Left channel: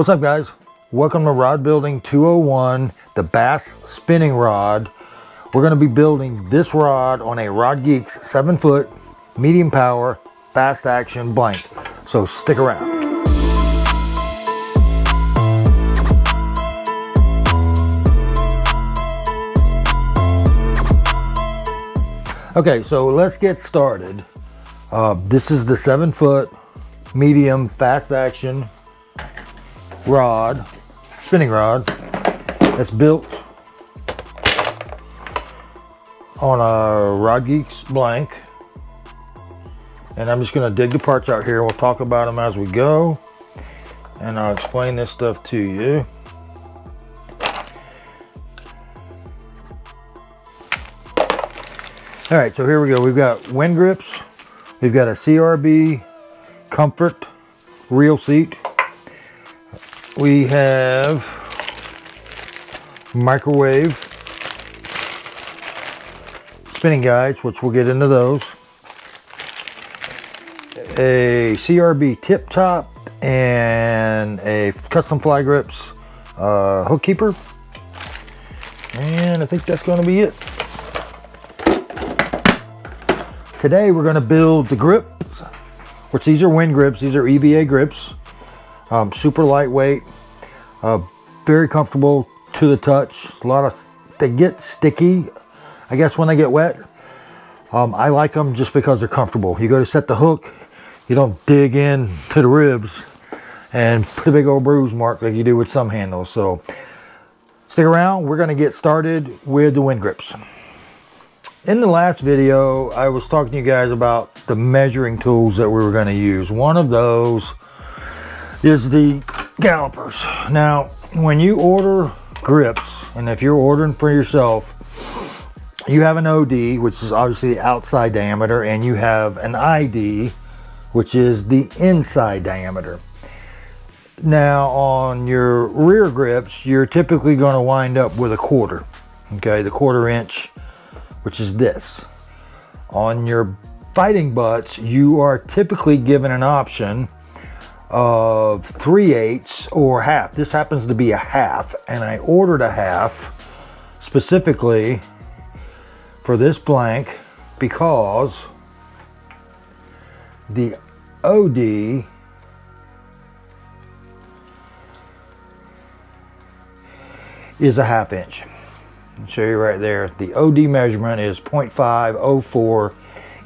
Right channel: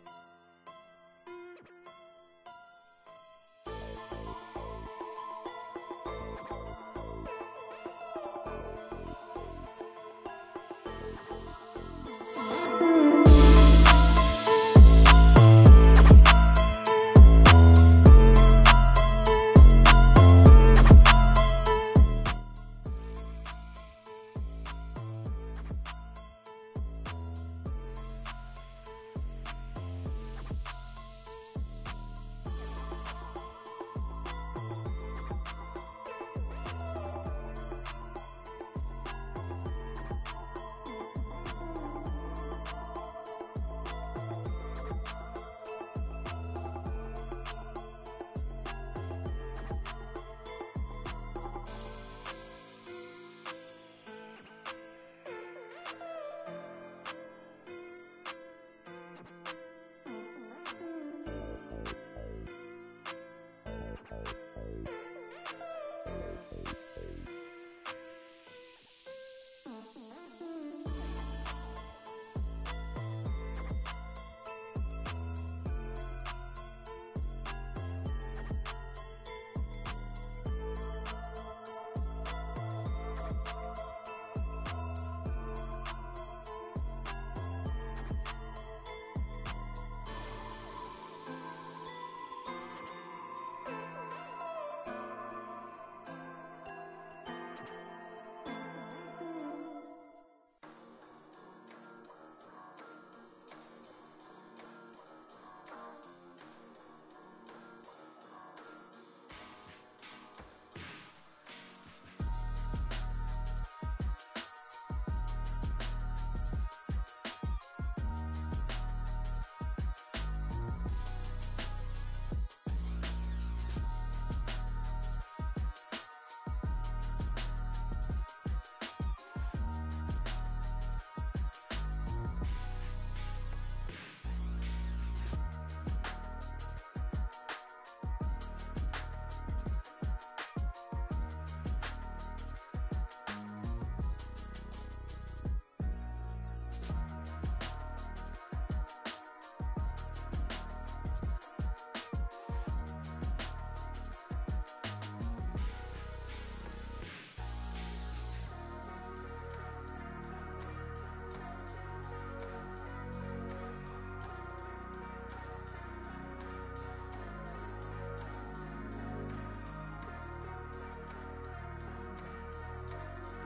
What's up, guys? Welcome to Rod Building 201, the bass spinning rod. We're going to be building this rod on a RodGeeks 7-foot medium power fast action blank. So stick around. Okay, so let's get started. This is the 7-foot medium fast action rod, spinning rod, that's built on a RodGeeks blank. And I'm just gonna dig the parts out here. We'll talk about them as we go, and I'll explain this stuff to you. All right, so here we go. We've got Wynn Grips. We've got a CRB Comfort Reel seat. We have microwave spinning guides, which we'll get into those. A CRB tip top and a custom fly grips hook keeper. And I think that's going to be it. Today we're going to build the grips, which these are Wynn Grips. These are EVA grips. Super lightweight, very comfortable to the touch. They get sticky, I guess, when they get wet. I like them just because they're comfortable. You go to set the hook, you don't dig in to the ribs and put a big old bruise mark like you do with some handles. So stick around, we're gonna get started with the Wynn Grips. In the last video, I was talking to you guys about the measuring tools that we were gonna use. One of those is the calipers. Now, when you order grips, and if you're ordering for yourself, you have an OD, which is obviously the outside diameter, and you have an ID, which is the inside diameter. Now, on your rear grips, you're typically going to wind up with a quarter, okay, the 1/4 inch, which is this. On your fighting butts, you are typically given an option of 3/8 or half. This happens to be a half, and I ordered a half specifically for this blank because the OD is a 1/2 inch. I'll show you right there. The OD measurement is 0.504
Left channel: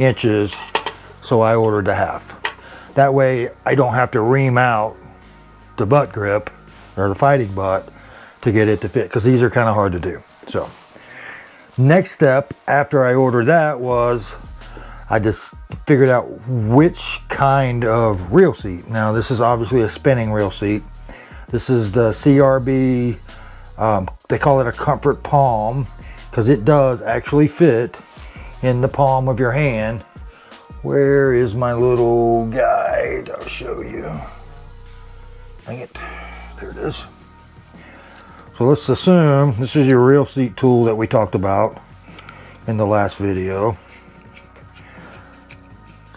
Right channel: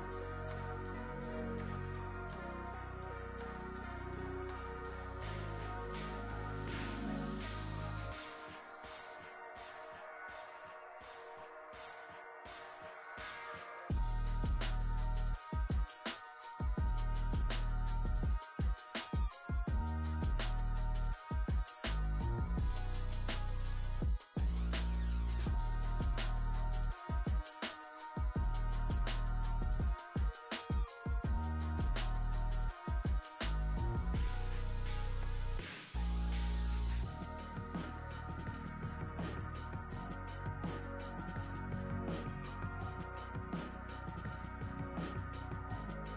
inches, so I ordered a half. That way I don't have to ream out the butt grip or the fighting butt to get it to fit, because these are kind of hard to do. So next step after I ordered that was I just figured out which kind of reel seat. Now this is obviously a spinning reel seat. This is the CRB, they call it a comfort palm, because it does actually fit in the palm of your hand. Where is my little guide? I'll show you. Dang it. There it is. So let's assume this is your reel seat tool that we talked about in the last video.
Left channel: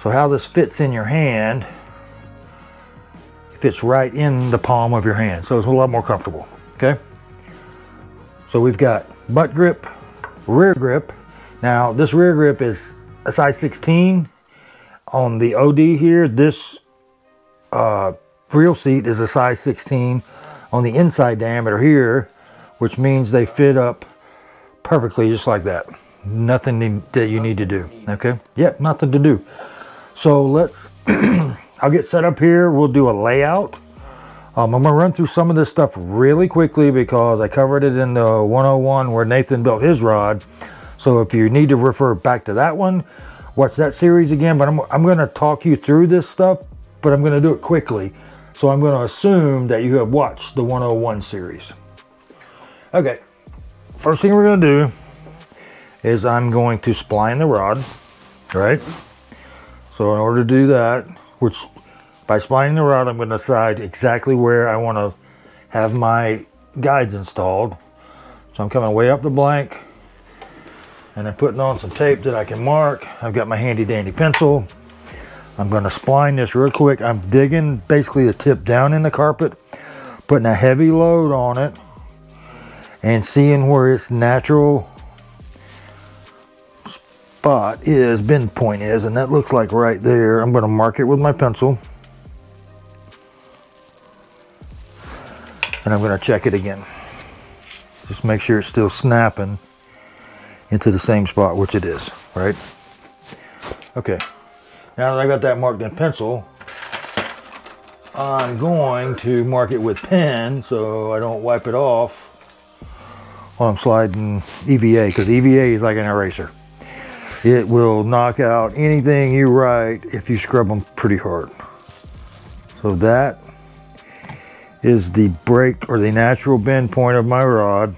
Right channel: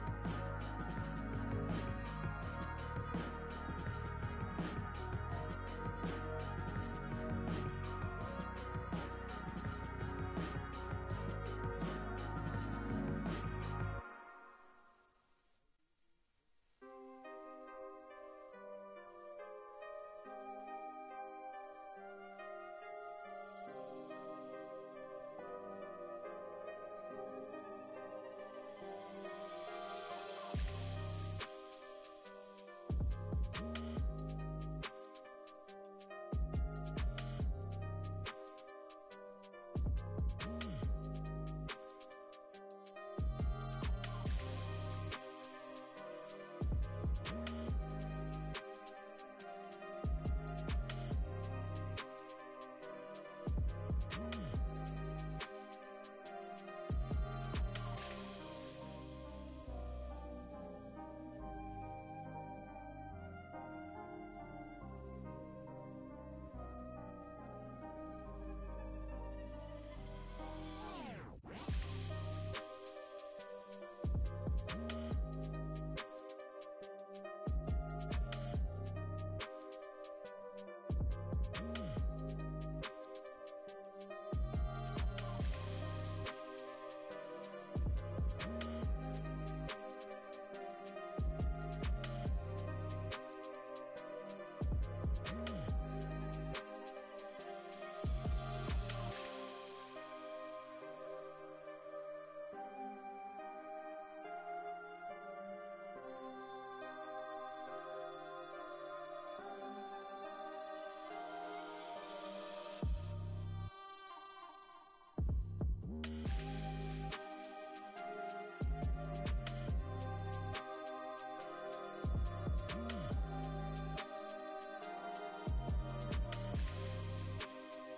So how this fits in your hand, fits right in the palm of your hand. So it's a lot more comfortable, okay? So we've got butt grip, rear grip. Now this rear grip is a size 16. On the OD here, this reel seat is a size 16 on the inside diameter here, which means they fit up perfectly just like that. Nothing that you need to do, okay? Yep, nothing to do. So let's, I'll get set up here. We'll do a layout. I'm gonna run through some of this stuff really quickly because I covered it in the 101 where Nathan built his rod. So if you need to refer back to that one, watch that series again. But I'm going to talk you through this stuff, but I'm going to do it quickly. So I'm going to assume that you have watched the 101 series. Okay, first thing we're going to do is I'm going to spline the rod, right? So in order to do that, which by splining the rod, I'm going to decide exactly where I want to have my guides installed. So I'm coming way up the blank, and I'm putting on some tape that I can mark. I've got my handy dandy pencil. I'm going to spline this real quick. I'm digging basically the tip down in the carpet, putting a heavy load on it and seeing where its natural spot is, bend point is, and that looks like right there. I'm going to mark it with my pencil, and I'm going to check it again. Just make sure it's still snapping into the same spot, which it is, right? Okay, now that I got that marked in pencil, I'm going to mark it with pen so I don't wipe it off while I'm sliding EVA, because EVA is like an eraser. It will knock out anything you write if you scrub them pretty hard. So that is the break or the natural bend point of my rod.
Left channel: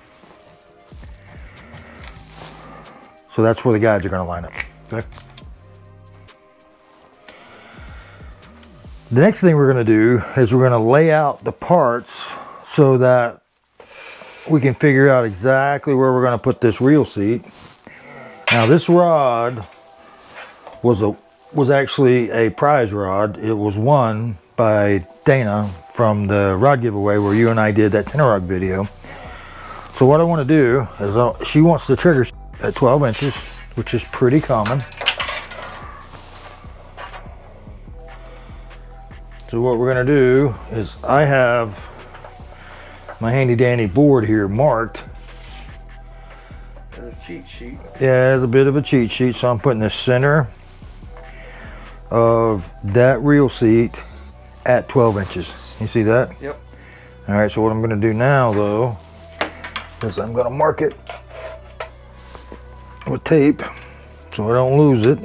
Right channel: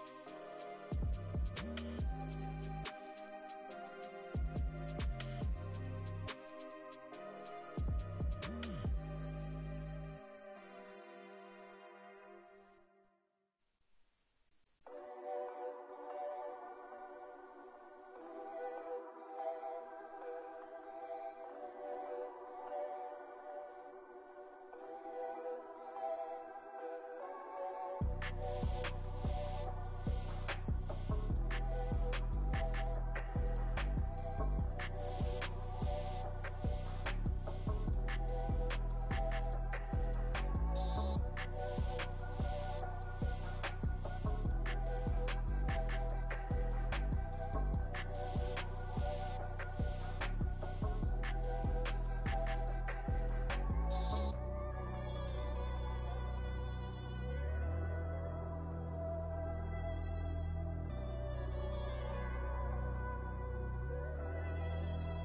So that's where the guides are going to line up. Okay. The next thing we're going to do is we're going to lay out the parts so that we can figure out exactly where we're going to put this reel seat. Now this rod was actually a prize rod. It was won by Dana from the rod giveaway where you and I did that tenor rod video. So what I want to do is she wants the trigger at 12 inches, which is pretty common. So what we're going to do is I have my handy dandy board here marked. There's a cheat sheet. Yeah, it's a bit of a cheat sheet. So I'm putting the center of that reel seat at 12 inches. You see that? Yep. All right, so what I'm going to do now though is I'm going to mark it with tape so I don't lose it.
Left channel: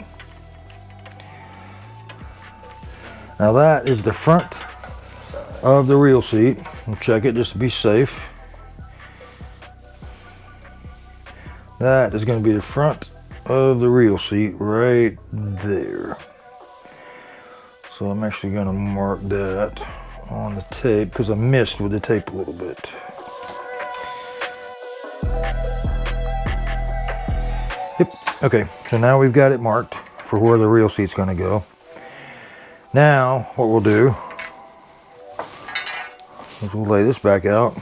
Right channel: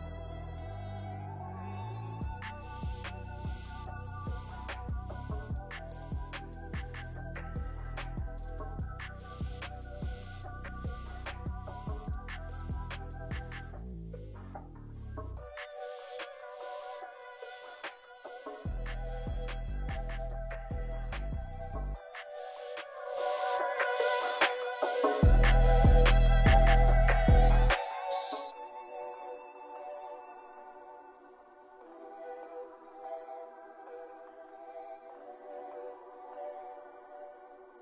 Now that is the front of the reel seat. We'll check it just to be safe. That is going to be the front of the reel seat right there. So I'm actually going to mark that on the tape because I missed with the tape a little bit. Yep. Okay, so now we've got it marked for where the reel seat's going to go. Now what we'll do is we'll lay this back out,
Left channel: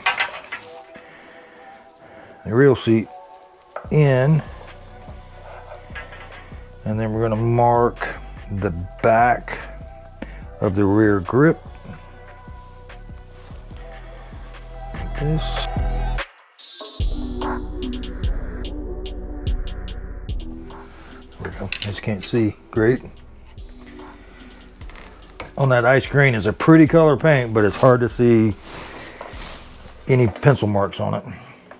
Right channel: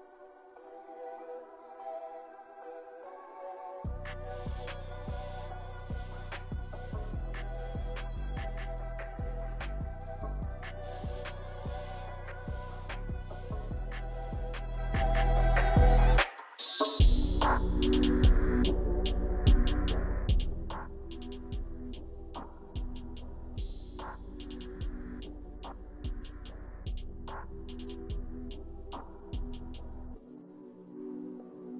the reel seat in, and then we're going to mark the back of the rear grip. This. There we go. I just can't see great. On that ice green is a pretty color paint, but it's hard to see any pencil marks on it.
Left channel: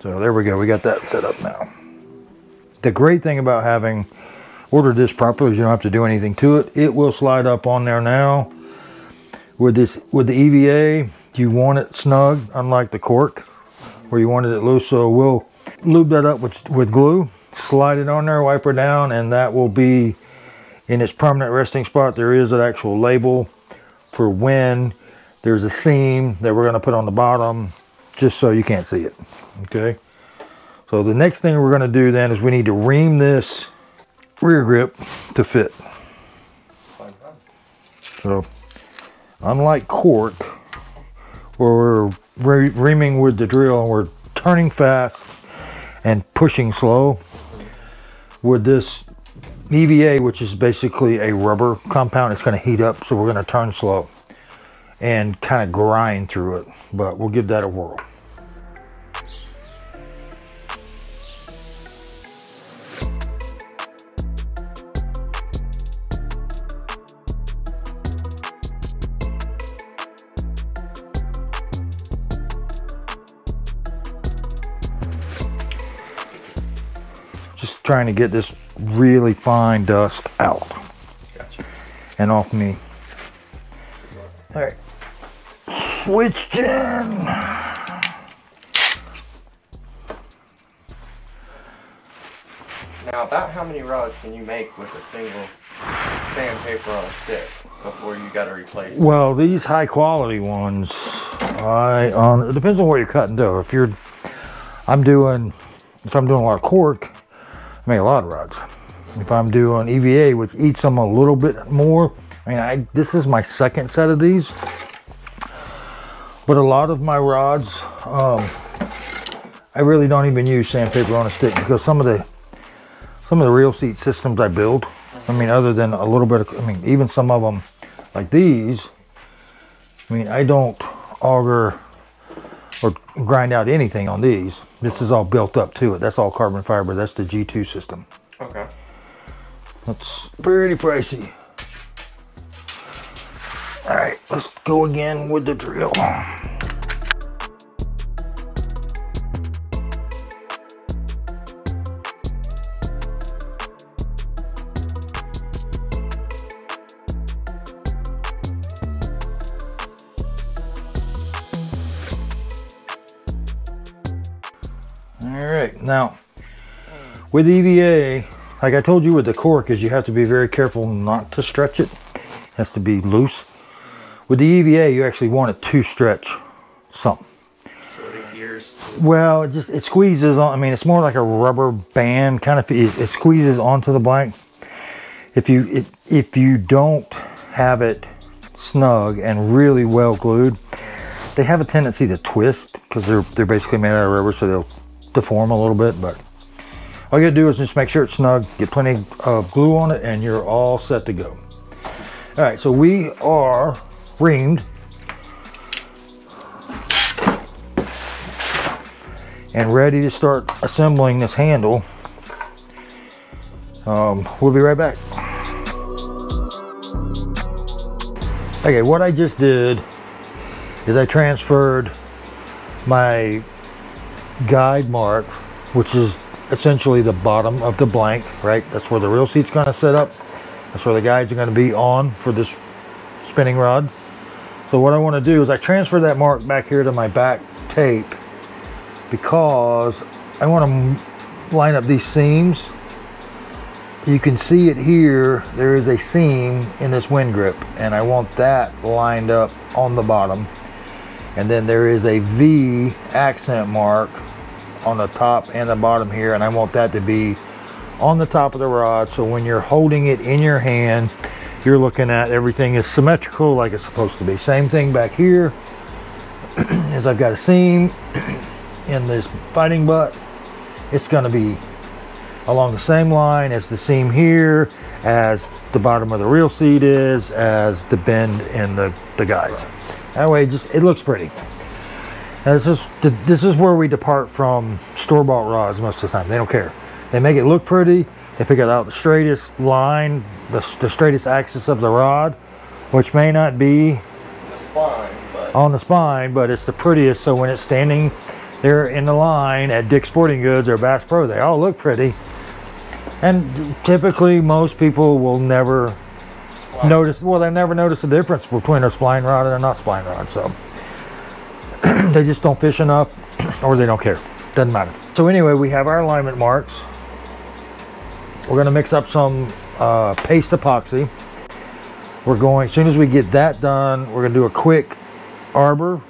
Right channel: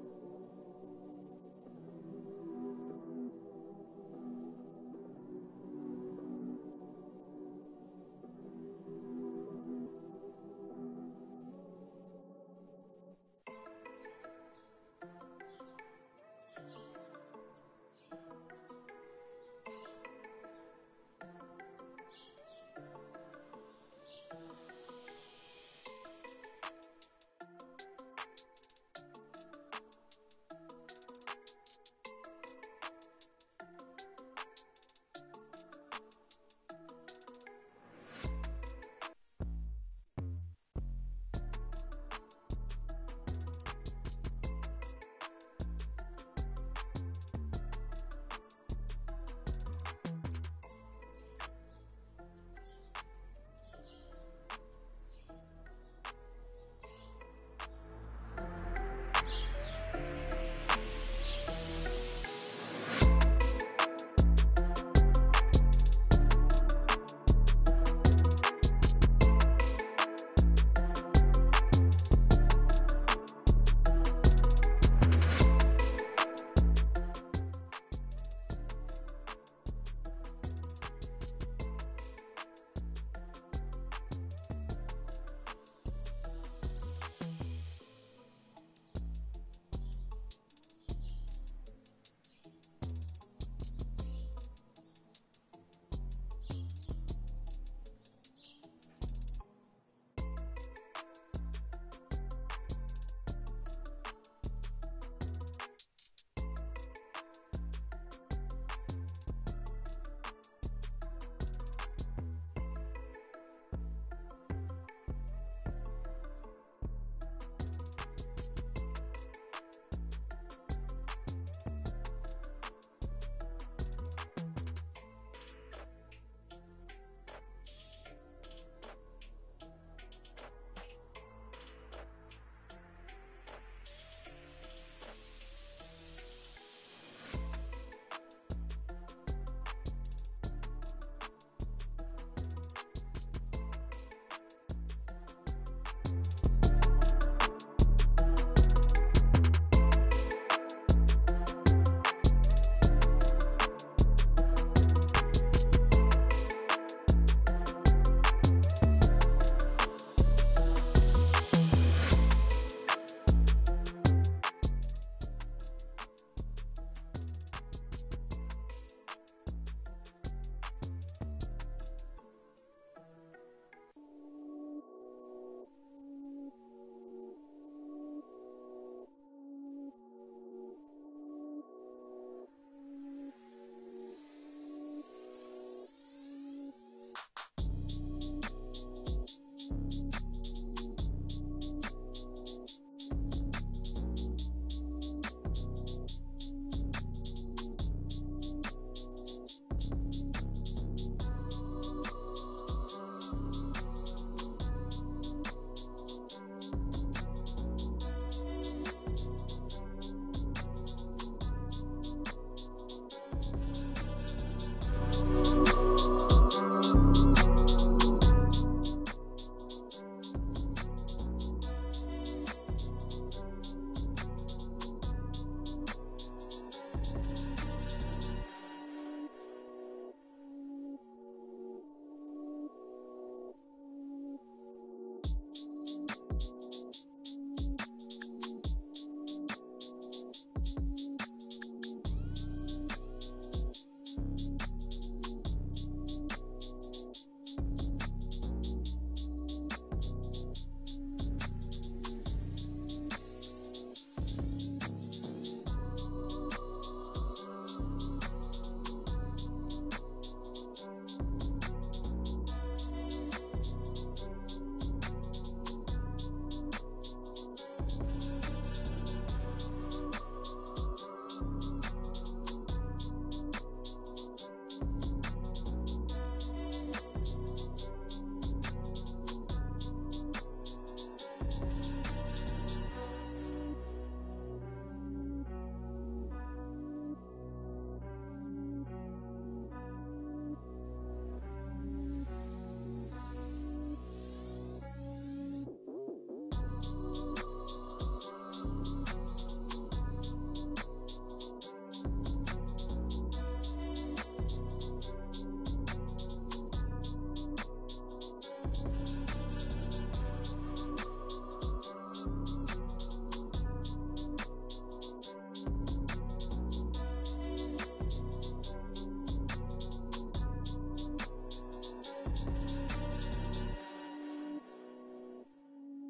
So there we go, we got that set up now. The great thing about having ordered this properly is you don't have to do anything to it. It will slide up on there now. With the EVA, you want it snug, unlike the cork, where you wanted it loose. So we'll lube that up with glue, slide it on there, wipe her down, and that will be in its permanent resting spot. There is an actual label for when there's a seam that we're going to put on the bottom, just so you can't see it. Okay, so the next thing we're going to do then is we need to ream this rear grip to fit. So unlike cork, where we're reaming with the drill and we're turning fast and pushing slow, with this EVA, which is basically a rubber compound, it's going to heat up, so we're going to turn slow and kind of grind through it, but we'll give that a whirl. Just trying to get this really fine dust out. Gotcha. And off me. All right, switched in. Now, about how many rods can you make with a single sandpaper on a stick before you got to replace it? Well, these high quality ones, it depends on what you're cutting though. If I'm doing a lot of cork, I make a lot of rods. If I'm doing EVA, which eats them a little bit more, I mean, this is my second set of these. But a lot of my rods, I really don't even use sandpaper on a stick, because some of the reel seat systems I build, I mean, other than a little bit of, I mean, even some of them like these, I mean, I don't auger or grind out anything on these. This is all built up to it. That's all carbon fiber. That's the G2 system. Okay. That's pretty pricey. All right, let's go again with the drill. All right, now with EVA, like I told you with the cork, is you have to be very careful not to stretch it. It has to be loose. With the EVA, you actually want it to stretch something. So it adheres to... Well, it squeezes on. I mean, it's more like a rubber band kind of. It squeezes onto the blank. If you don't have it snug and really well glued, they have a tendency to twist, because they're basically made out of rubber, so they'll deform a little bit. But all you gotta do is just make sure it's snug, get plenty of glue on it, and you're all set to go. All right, so we are reamed and ready to start assembling this handle. We'll be right back. Okay, what I just did is I transferred my guide mark, which is essentially the bottom of the blank, right? That's where the reel seat's gonna set up. That's where the guides are gonna be on for this spinning rod. So what I wanna do is I transfer that mark back here to my back tape, because I wanna line up these seams. You can see it here, there is a seam in this Wynn grip, and I want that lined up on the bottom. And then there is a V accent mark on the top and the bottom here, and I want that to be on the top of the rod, so when you're holding it in your hand, you're looking at everything is symmetrical like it's supposed to be. Same thing back here, is I've got a seam in this fighting butt. It's gonna be along the same line as the seam here, as the bottom of the reel seat is, as the bend in the guides. That way, it looks pretty. And this is where we depart from store-bought rods most of the time. They don't care. They make it look pretty. They pick out the straightest line, the straightest axis of the rod, which may not be on the spine, but it's the prettiest. So when it's standing there in the line at Dick's Sporting Goods or Bass Pro, they all look pretty. And typically, most people will never notice. Well, they never notice the difference between a spline rod and a not spline rod. So they just don't fish enough, or they don't care. Doesn't matter. So anyway, we have our alignment marks. We're gonna mix up some paste epoxy. We're going, as soon as we get that done, we're gonna do a quick arbor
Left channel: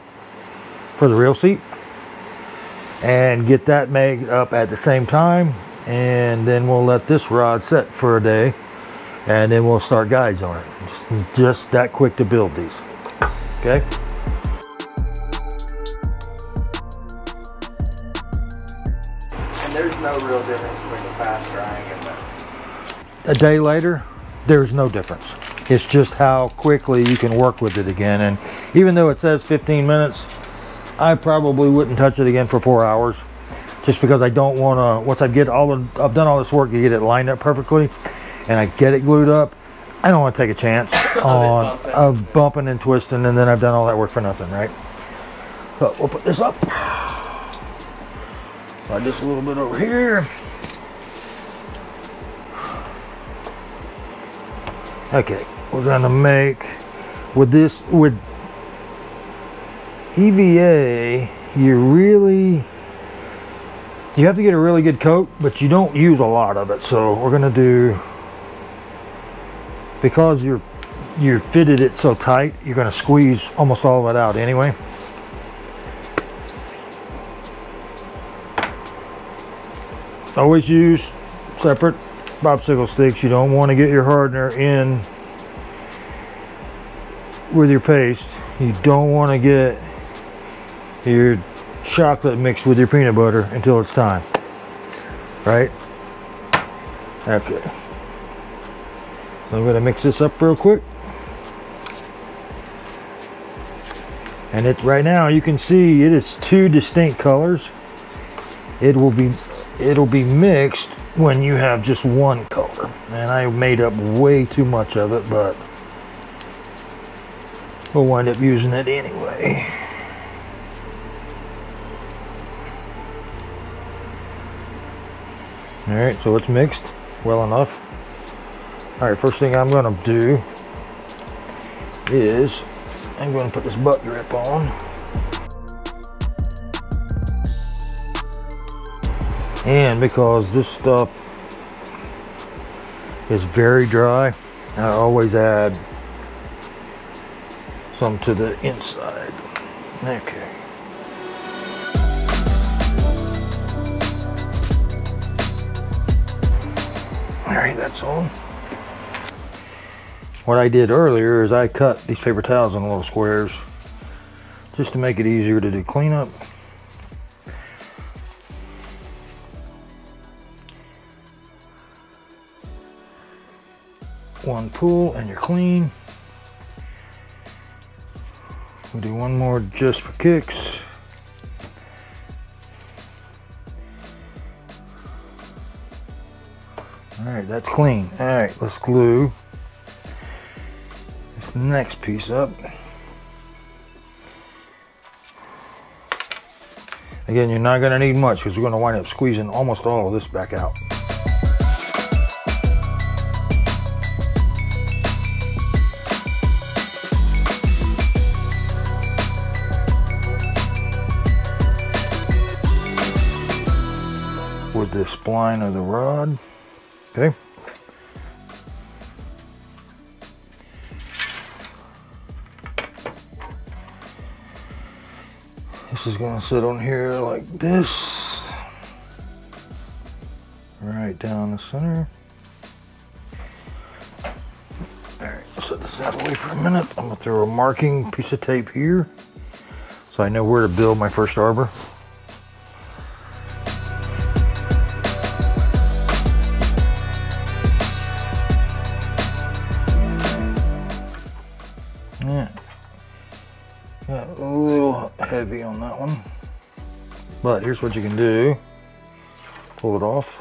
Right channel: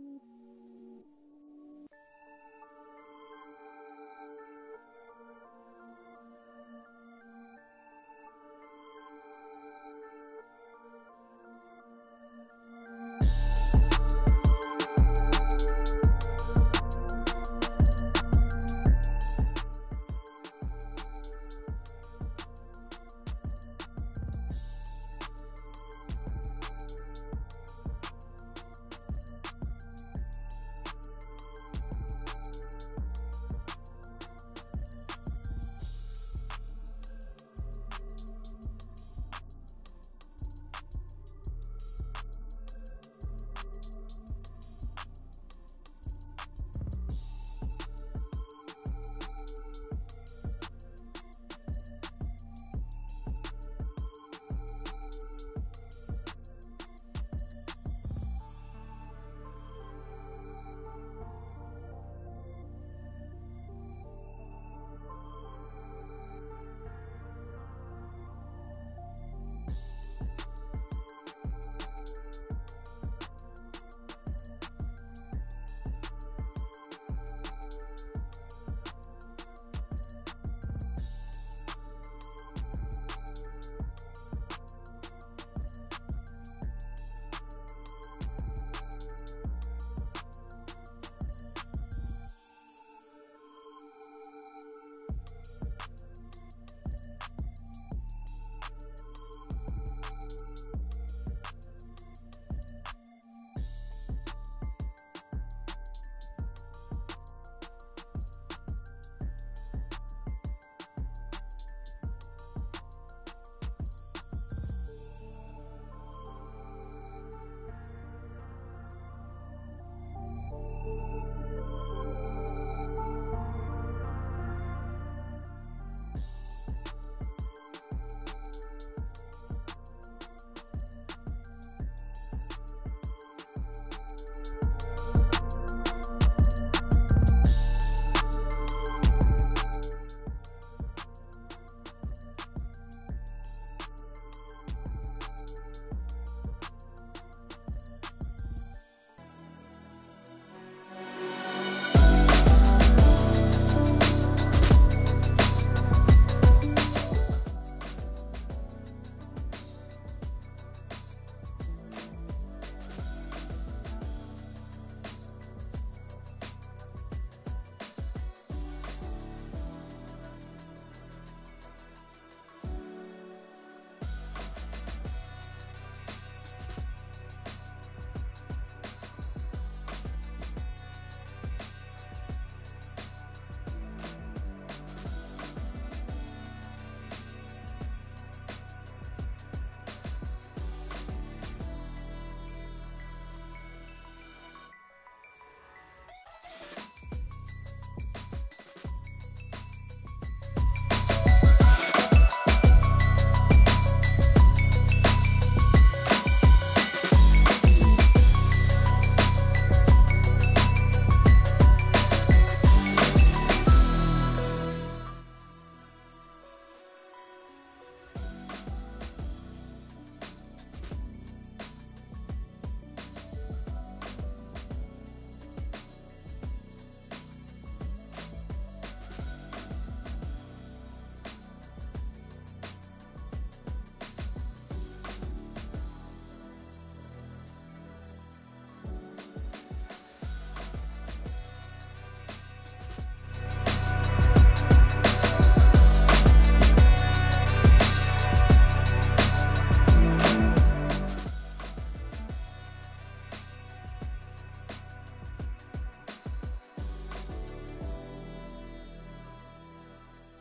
for the reel seat and get that made up at the same time. And then we'll let this rod set for a day, and then we'll start guides on it. It's just that quick to build these, okay? There's no real difference between the fast drying and the... A day later, there's no difference. It's just how quickly you can work with it again. And even though it says 15 minutes, I probably wouldn't touch it again for 4 hours, just because I don't want to, once I've done all this work to get it lined up perfectly and I get it glued up, I don't want to take a chance on bumping and twisting, and then I've done all that work for nothing, right? But we'll put this up. Slide this a little bit over here. Okay, we're gonna make, with EVA, you have to get a really good coat, but you don't use a lot of it. So we're gonna do, because you fitted it so tight, you're gonna squeeze almost all of it out anyway. Always use separate popsicle sticks. You don't want to get your hardener in with your paste. You don't want to get your chocolate mixed with your peanut butter until it's time, right? Okay. So I'm gonna mix this up real quick. And it right now you can see it is two distinct colors. It'll be mixed when you have just one color. And I made up way too much of it, but we'll wind up using it anyway. All right, so it's mixed well enough. All right, first thing I'm gonna do is I'm gonna put this butt grip on. And because this stuff is very dry, I always add some to the inside. Okay. All right, that's on. What I did earlier is I cut these paper towels in little squares just to make it easier to do cleanup. One pull and you're clean. We'll do one more just for kicks. All right, that's clean. All right, let's glue this next piece up. Again, you're not gonna need much because we're gonna wind up squeezing almost all of this back out. With the spline of the rod, okay. This is gonna sit on here like this, right down the center. All right, set this out of the way for a minute. I'm gonna throw a marking piece of tape here so I know where to build my first arbor. A little heavy on that one, but here's what you can do. Pull it off.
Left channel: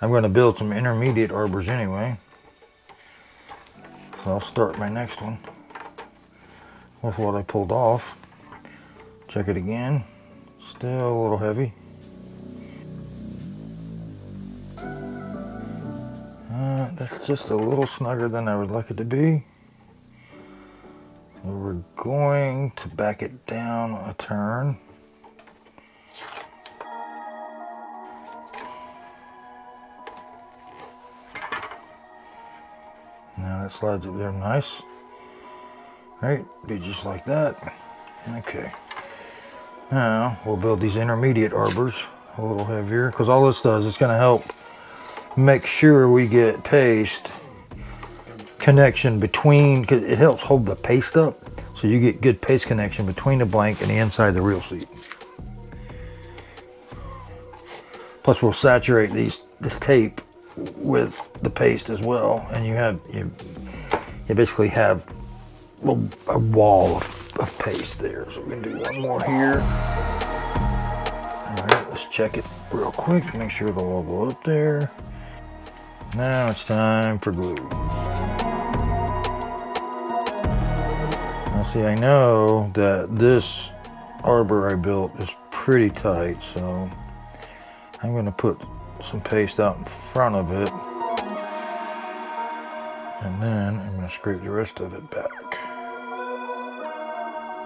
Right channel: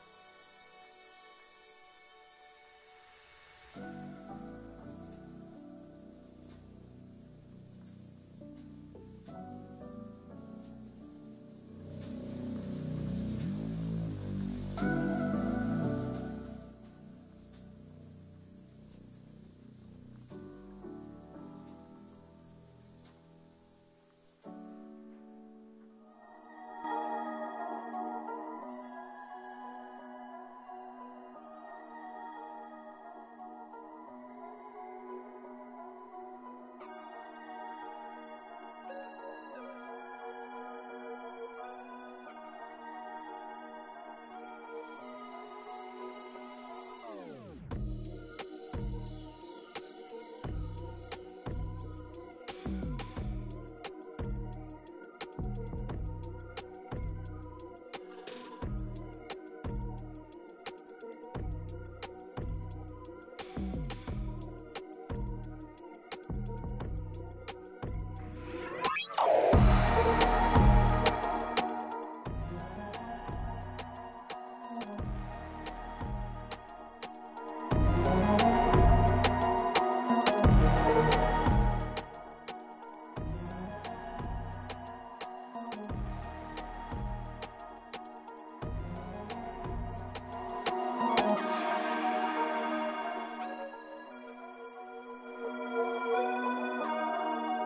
I'm going to build some intermediate arbors anyway, so I'll start my next one with what I pulled off. Check it again. Still a little heavy. That's just a little snugger than I would like it to be. We're going to back it down a turn. Now that slides up there nice. Right, be just like that. Okay. Now we'll build these intermediate arbors a little heavier, because all this does is going to help make sure we get paste connection between, because it helps hold the paste up, so you get good paste connection between the blank and the inside of the reel seat. Plus we'll saturate this tape with the paste as well, and you basically have a wall of paste there. So we're gonna do one more here. All right, let's check it real quick, make sure they'll all go up there. Now it's time for glue. See, I know that this arbor I built is pretty tight, so I'm going to put some paste out in front of it, and then I'm going to scrape the rest of it back,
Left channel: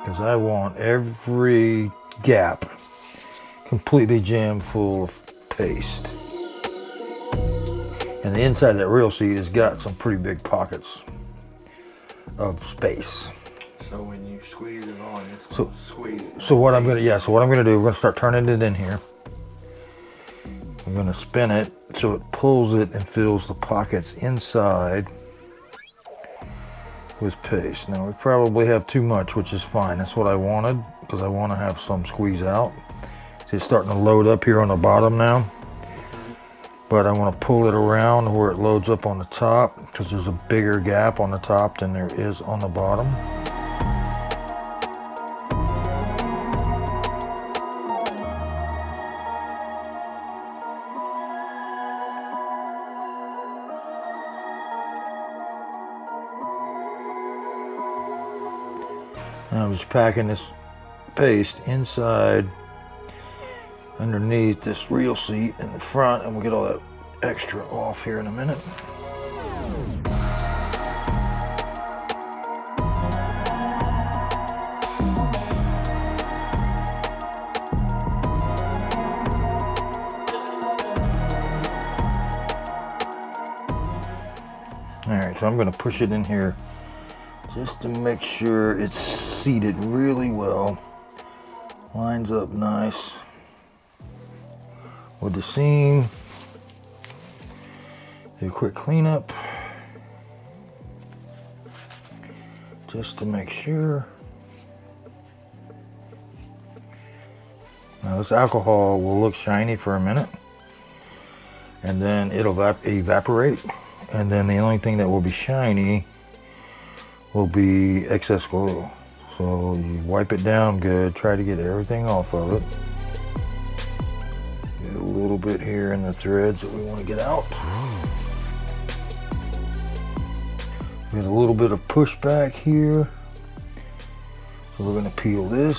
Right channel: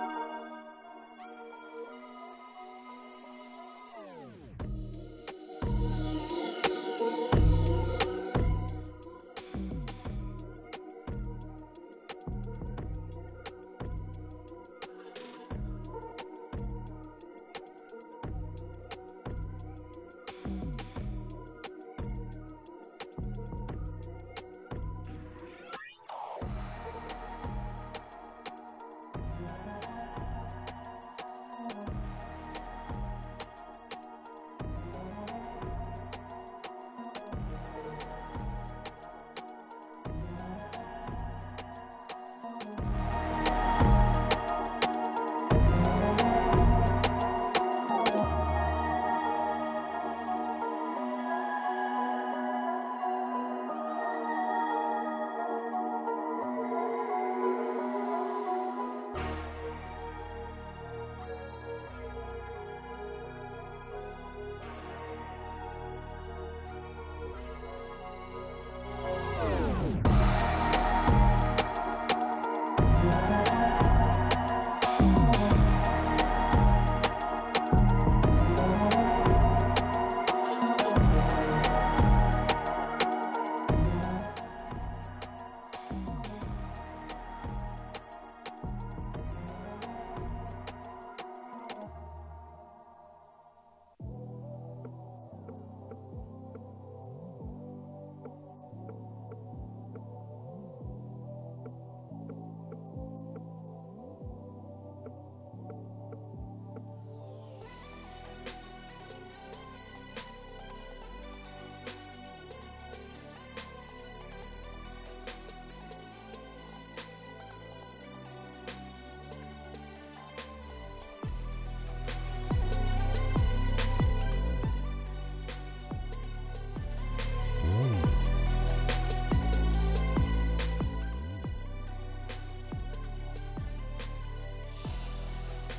because I want every gap completely jammed full of paste. And the inside of that reel seat has got some pretty big pockets of space. So when you squeeze it on, it's squeeze. So what I'm gonna do, we're gonna start turning it in here. I'm gonna spin it so it pulls it and fills the pockets inside. with paste. Now we probably have too much, which is fine. That's what I wanted, because I want to have some squeeze out. See, it's starting to load up here on the bottom now, but I want to pull it around where it loads up on the top, because there's a bigger gap on the top than there is on the bottom. Now I'm just packing this paste inside underneath this reel seat in the front, and we'll get all that extra off here in a minute. All right, so I'm going to push it in here just to make sure it's seated really well. Lines up nice with the seam. Do a quick cleanup just to make sure. Now this alcohol will look shiny for a minute, and then it'll evaporate, and then the only thing that will be shiny will be excess glue. So you wipe it down good, try to get everything off of it. Get a little bit here in the threads that we want to get out. Get a little bit of pushback here. So we're going to peel this.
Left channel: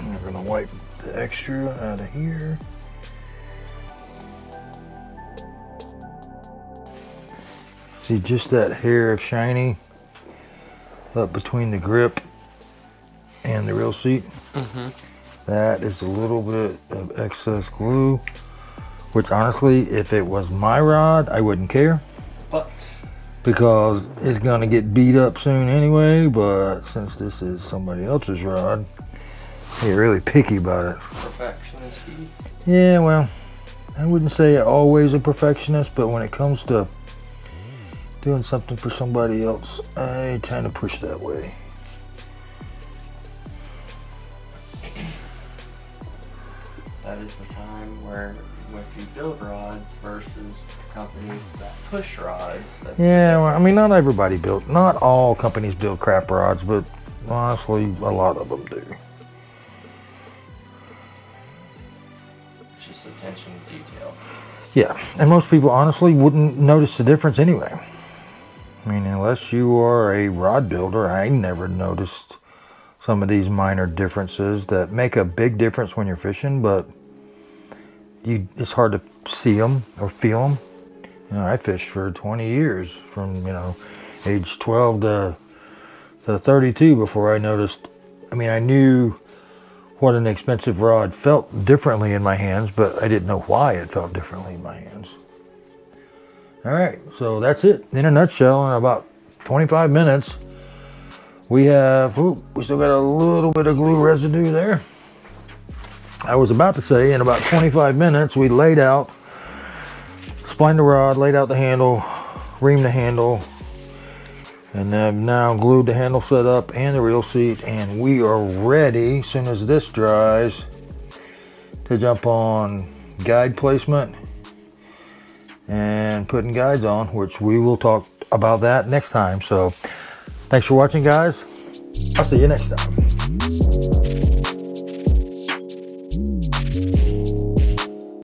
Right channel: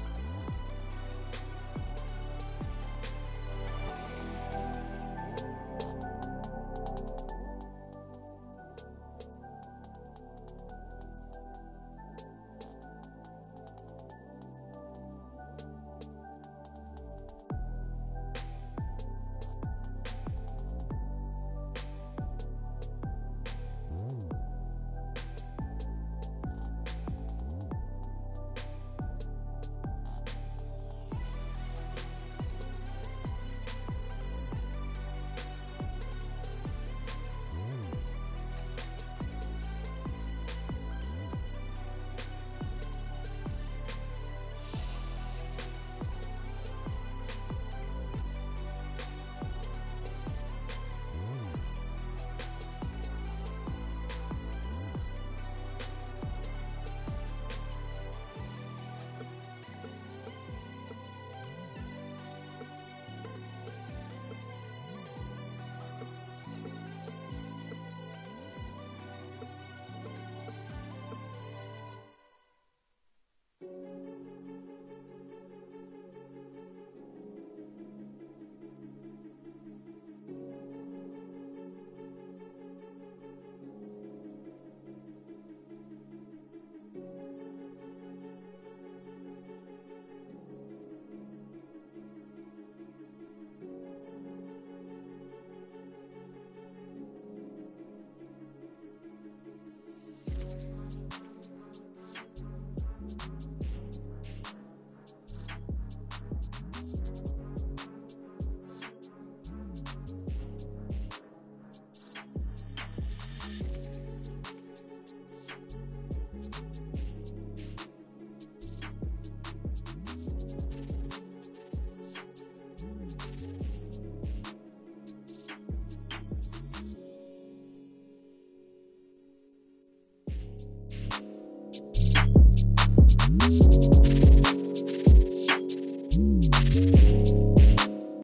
And we're going to wipe the extra out of here. See just that hair of shiny up between the grip and the reel seat? That is a little bit of excess glue, which honestly, if it was my rod, I wouldn't care. But because it's gonna get beat up soon anyway, but since this is somebody else's rod, they're really picky about it. Perfectionist. Yeah, well, I wouldn't say always a perfectionist, but when it comes to doing something for somebody else, I tend to push that way. That is the time where if you build rods versus companies that push rods. Yeah, well, I mean, not all companies build crap rods, but honestly, a lot of them do. It's just attention to detail. Yeah, and most people honestly wouldn't notice the difference anyway. I mean, unless you are a rod builder, I never noticed some of these minor differences that make a big difference when you're fishing, but it's hard to see them or feel them. You know, I fished for 20 years from, age 12 to 32 before I noticed. I mean, I knew what an expensive rod felt differently in my hands, but I didn't know why it felt differently in my hands. All right, so that's it in a nutshell. In about 25 minutes, we still got a little bit of glue residue there. I was about to say in about 25 minutes, we laid out, splined the rod, laid out the handle, reamed the handle, and I've now glued the handle set up and the reel seat, and we are ready, as soon as this dries, to jump on guide placement and putting guides on, which we will talk about that next time. So thanks for watching, guys. I'll see you next time.